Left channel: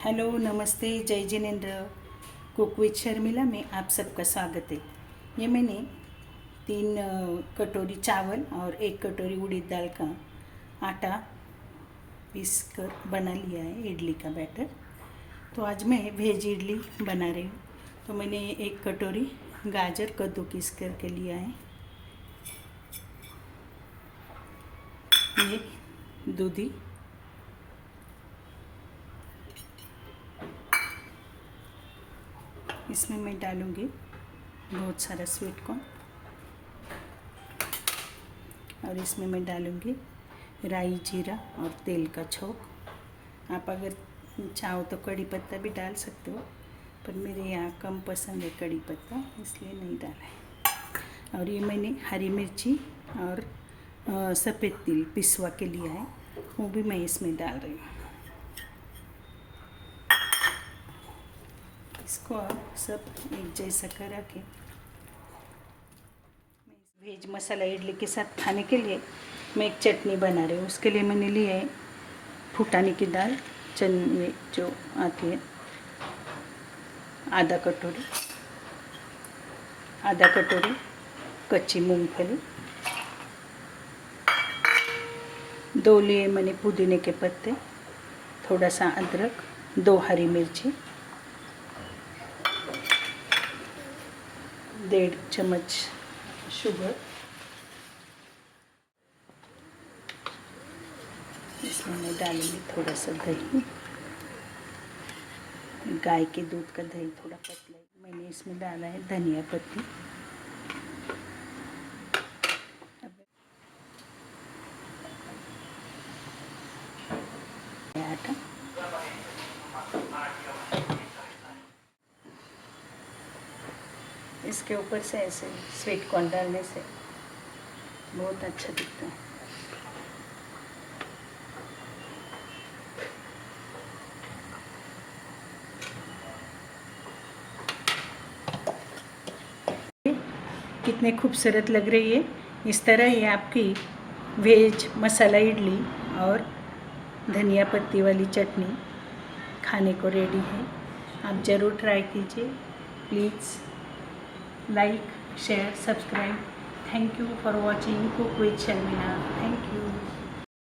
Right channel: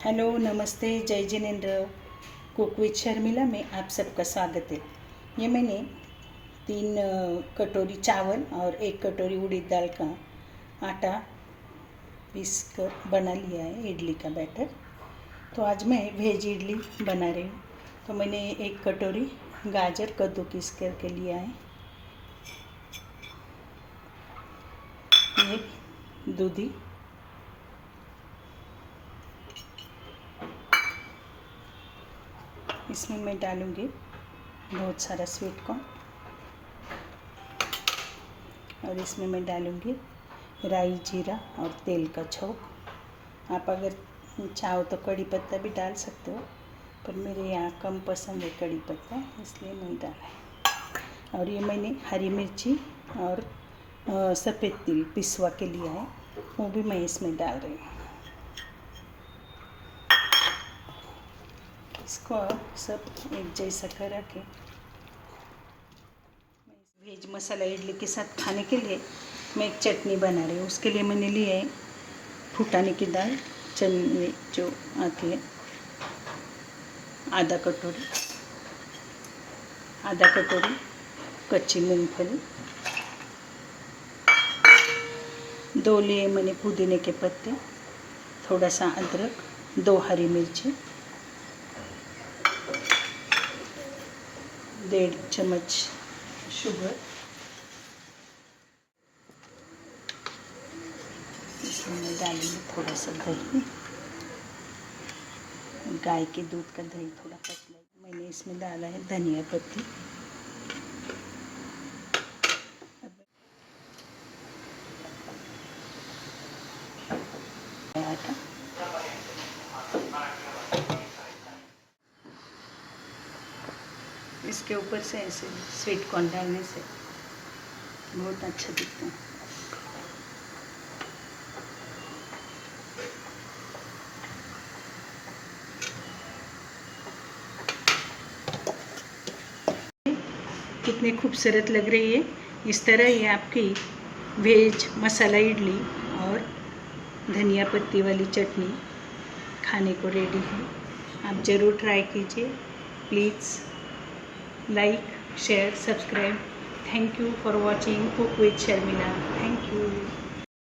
Hello, नमस्ते, जय Jinendra. Cook with Sharmila में आप सबका स्वागत है। ये मैंने 3 कटोरी चावल और 1 कटोरी उड़द दाल का आटा पीस कर बना लिया है, इडली का बैटर। तो आज मैं वेज इडली बना रही हूँ। तो मैंने 1 कटोरी गाजर कद्दूकस करके लिया है। ये दूधी, इसमें मैं डालूँगी बहुत सारा स्वीट कॉर्न और इसमें मैं डालूँगी राई, जीरा और तेल का छोंक। आप अगर चाहो तो कड़ी पत्ता भी डाल सकते हो, पर मेरे यहाँ कम पसंद है कड़ी पत्ता, इसलिए नहीं डाला है। और ये मैंने हरी मिर्ची और सफ़ेद तिल पिसवा के लिया है, वो भी मैं इसमें डाल रही हूँ। इसको सब एक जैसा करा के वेज मसाला इडली के साथ खाने के लिए मैं एक चटनी बना रही हूँ। उसके लिए मैंने लिए है फुटाने की दाल, चने जो आती है, आधा कटोरी कच्ची मूंगफली, 2 लिए मैंने पुदीने के पत्ते, थोड़ा सा अदरक, 2 हरी मिर्ची, 1.5 चम्मच शुगर, इसमें मैं डालूँगी थोड़ा सा दही, गाय के दूध का दही थोड़ा पतला। मैंने इसमें डाला है धनिया पत्ती, आटा, इसके ऊपर से ऐसे स्वीट कॉर्न डालने से बहुत अच्छा दिखता है। कितने खूबसूरत लग रही है। इस तरह ही आपकी वेज मसाला इडली और धनिया पत्ती वाली चटनी खाने को रेडी है। आप ज़रूर ट्राई कीजिए। Please like, share, subscribe. Thank you for watching cook with Sharmila. Thank you.